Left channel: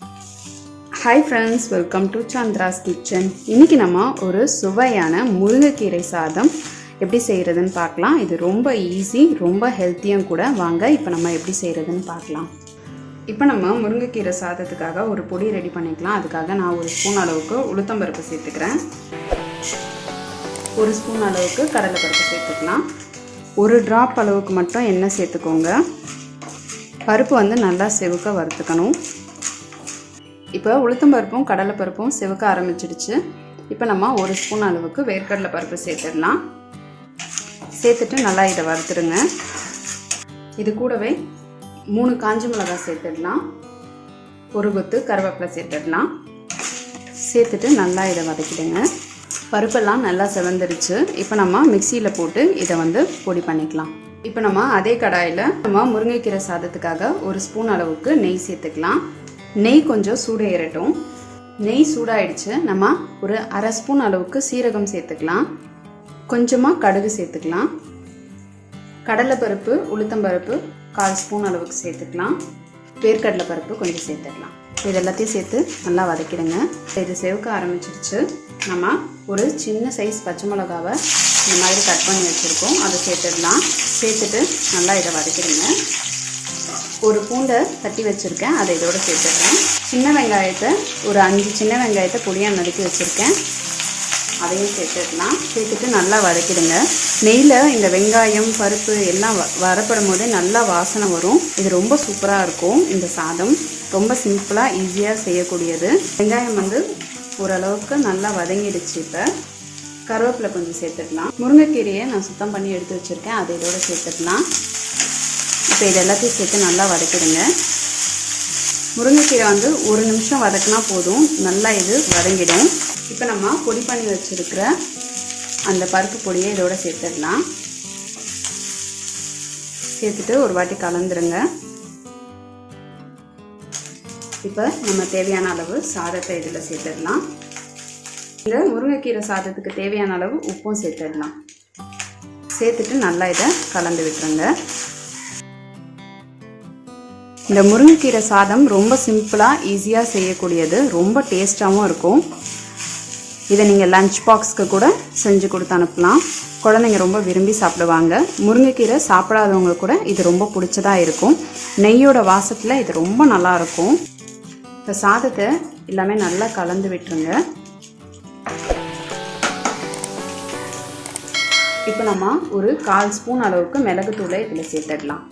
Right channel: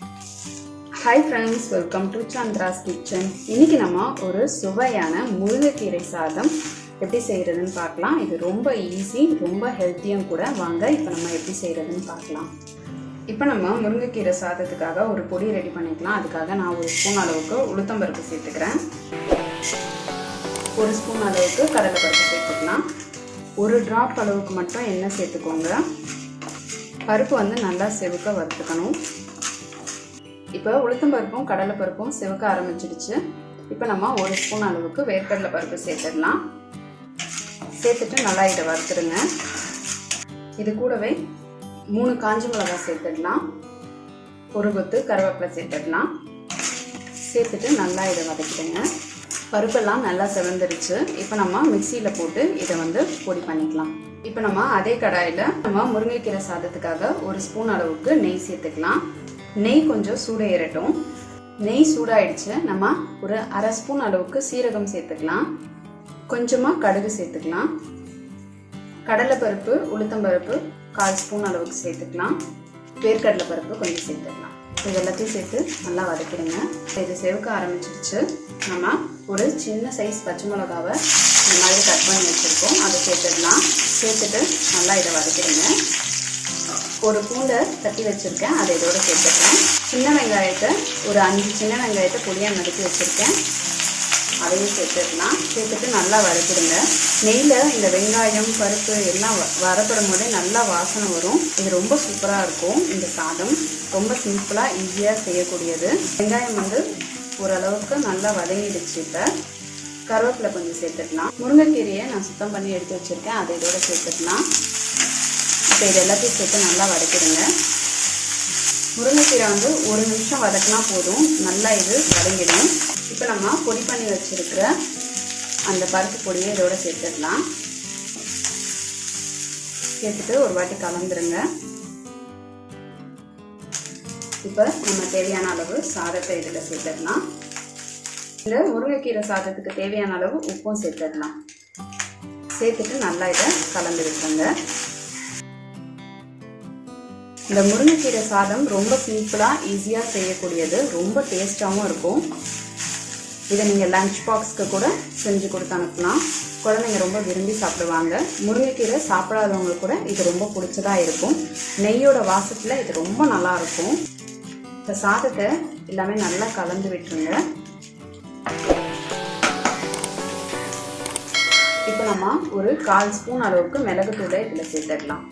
Hi friends, welcome to Chandra's kitchen. இன்னைக்கு நம்ம ஒரு சுவையான முருங்கைக்கீரை சாதம் எப்படி செய்யறதுன்னு பார்க்கலாம். இது ரொம்ப ஈஸி, ரொம்ப ஹெல்த்தியும் கூட. வாங்க இப்போ நம்ம எப்படி செய்யறதுன்னு பார்க்கலாம். இப்போ நம்ம முருங்கைக்கீரை சாதத்துக்காக ஒரு பொடி ரெடி பண்ணிக்கலாம். அதுக்காக நான் ஒரு ஸ்பூன் அளவுக்கு உளுத்தம்பருப்பு சேர்த்துக்கிறேன். ஒரு ஸ்பூன் அளவுக்கு கடலைப்பருப்பு சேர்த்துக்கலாம். ஒரு டிராப் அளவுக்கு மட்டும் எண்ணெய் சேர்த்துக்கோங்க. பருப்பு வந்து நல்லா செவக்க வறுத்துக்கணும். இப்போ உளுத்தம்பருப்பும் கடலைப்பருப்பும் செவக்க ஆரம்பிச்சிடுச்சு. இப்போ நம்ம ஒரு ஸ்பூன் அளவுக்கு வேர்க்கடலை பருப்பு சேர்த்துடலாம். சேர்த்துட்டு நல்லா இதை வறுத்துடுங்க. இது கூடவே 3 காஞ்ச மிளகாய் சேர்த்துடலாம். ஒரு கொத்து கருவேப்பிலை சேர்த்துடலாம். சேர்த்துட்டு நல்லா இதை வதக்கிடுங்க. பருப்பெல்லாம் நல்லா செவந்துருச்சு. இப்போ நம்ம மிக்சியில் போட்டு இதை வந்து பொடி பண்ணிக்கலாம். இப்போ நம்ம அதே கடாயில் நம்ம முருங்கைக்கீரை சாதத்துக்காக ஒரு ஸ்பூன் அளவுக்கு நெய் சேர்த்துக்கலாம். நெய் கொஞ்சம் சூடு ஏறட்டும். நெய் சூடாயிடுச்சு. நம்ம ஒரு அரை ஸ்பூன் அளவுக்கு சீரகம் சேர்த்துக்கலாம். கொஞ்சமாக கடுகு சேர்த்துக்கலாம். கடலைப்பருப்பு உளுத்தம்பருப்பு 1/4 ஸ்பூன் அளவுக்கு சேர்த்துக்கலாம். வேர்க்கடலை பருப்பு கொஞ்சம் சேர்த்துக்கலாம். இது எல்லாத்தையும் சேர்த்து நல்லா வதக்கிடுங்க. இது செவக்க ஆரம்பிச்சிருச்சு. நம்ம ஒரு சின்ன சைஸ் பச்சை மிளகாவை இந்த மாதிரி கட் பண்ணி வச்சுருக்கோம், அதை சேர்த்துடலாம். சேர்த்துட்டு நல்லா இதை வதக்கிடுங்க. ஒரு பூண்டை தட்டி வச்சுருக்கேன், அதை இதோட சேர்த்துடுறேன். சின்ன வெங்காயத்தை ஒரு 5 சின்ன வெங்காயத்தை பொடியாக நறுக்கி வச்சுருக்கேன், அதையும் சேர்த்துடலாம். சேர்த்துட்டு நல்லா வதக்கிடுங்க. நெய்யில் இந்த வெங்காயம் பருப்பு எல்லாம் வரப்படும் போதே நல்லா வாசனை வரும். இது ரொம்ப சூப்பராக இருக்கும். இந்த சாதம் ரொம்ப சிம்பிளாக ஈஸியாக செய்யக்கூடியது. வெங்காயம் வந்து ஓரளவுக்கு நல்லா வதங்கிடுச்சு. இப்போ கருவேப்பிலை கொஞ்சம் சேர்த்துக்கலாம். முருங்கைக்கீரையை நான் சுத்தம் பண்ணி எடுத்து வச்சுருக்கேன், அதை இதோட சேர்த்துக்கலாம். இப்போ இது எல்லாத்தையும் சேர்த்து நல்லா வதக்கிடுங்க. முருங்கைக்கீரை வந்து 1 நிமிஷம் வதக்கினா போதும், நல்லா இது வதங்கிடும். இப்போ நம்ம பொடி பண்ணி வச்சுருக்கிற அந்த பருப்பு பொடியை இதோட சேர்த்துடலாம். சேர்த்துட்டு ஒரு வாட்டி கலந்துருங்க. இப்போ நம்ம தேவையான அளவு சாதத்தை இதில் சேர்த்துடலாம். இந்த முருங்கைக்கீரை சாதத்துக்கு தேவையான அளவு உப்பும் சேர்த்துடலாம். சேர்த்துட்டு நல்லா இதை கலந்து விட்டுருங்க. இந்த முருங்கைக்கீரை சாதம் ரொம்ப சிம்பிளாக ஈஸியாக செய்யக்கூடியது, ரொம்ப டேஸ்ட்டாகவும் இருக்கும். இதை நீங்கள் லஞ்ச் பாக்ஸ்க்கு கூட செஞ்சு கொடுத்து அனுப்பலாம். குழந்தைங்க ரொம்ப விரும்பி சாப்பிடுவாங்க. முருங்கைக்கீரை சாப்பிடாதவங்க கூட இது ரொம்ப பிடிச்சதாக இருக்கும். நெய்யோட வாசத்தில் இது ரொம்ப நல்லாயிருக்கும். இந்த சாதத்தை எல்லாமே நல்லா கலந்து விட்டுருங்க. இப்போ நம்ம ஒரு 1/4 ஸ்பூன் அளவுக்கு மிளகுத்தூளை இதில் சேர்த்துடலாம்.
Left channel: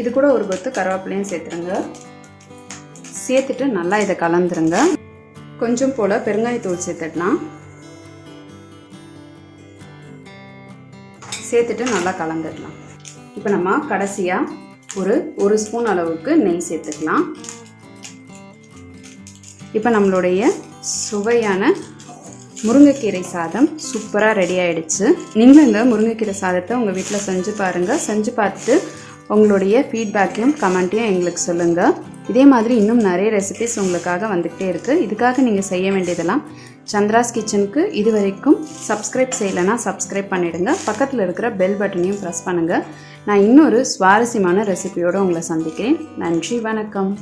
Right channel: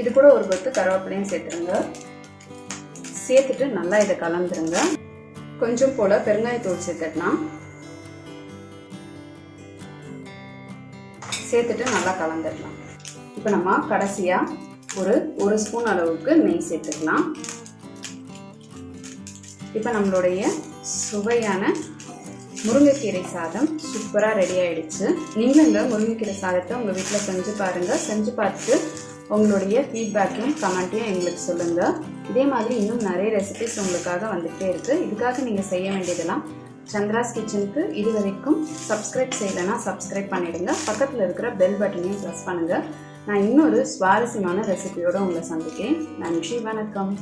இது கூட ஒரு கொத்து கருவேப்பிலையும் சேர்த்துருங்க. சேர்த்துட்டு நல்லா இதை கலந்துருங்க. கொஞ்சம் போல பெருங்காயத்தூள் சேர்த்துடலாம். சேர்த்துட்டு நல்லா கலந்துடலாம். இப்போ நம்ம கடைசியாக ஒரு ஸ்பூன் அளவுக்கு நெய் சேர்த்துக்கலாம். இப்போ நம்மளுடைய சுவையான முருங்கைக்கீரை சாதம் சூப்பராக ரெடி ஆயிடுச்சு. நீங்கள் இந்த முருங்கைக்கீரை சாதத்தை உங்கள் வீட்டில் செஞ்சு பாருங்கள். செஞ்சு பார்த்துட்டு உங்களுடைய ஃபீட்பேக்கையும் கமெண்ட்டையும் எங்களுக்கு சொல்லுங்கள். இதே மாதிரி இன்னும் நிறைய ரெசிபிஸ் உங்களுக்காக வந்துகிட்டே இருக்குது. இதுக்காக நீங்கள் செய்ய வேண்டியதெல்லாம் சந்திராஸ் கிச்சனுக்கு இது வரைக்கும் சப்ஸ்கிரைப் செய்யலைன்னா சப்ஸ்கிரைப் பண்ணிவிடுங்க. பக்கத்தில் இருக்கிற பெல் பட்டனையும் ப்ரெஸ் பண்ணுங்கள். நான் இன்னொரு சுவாரஸ்யமான ரெசிபியோடு உங்களை சந்திக்கிறேன். நன்றி, வணக்கம்.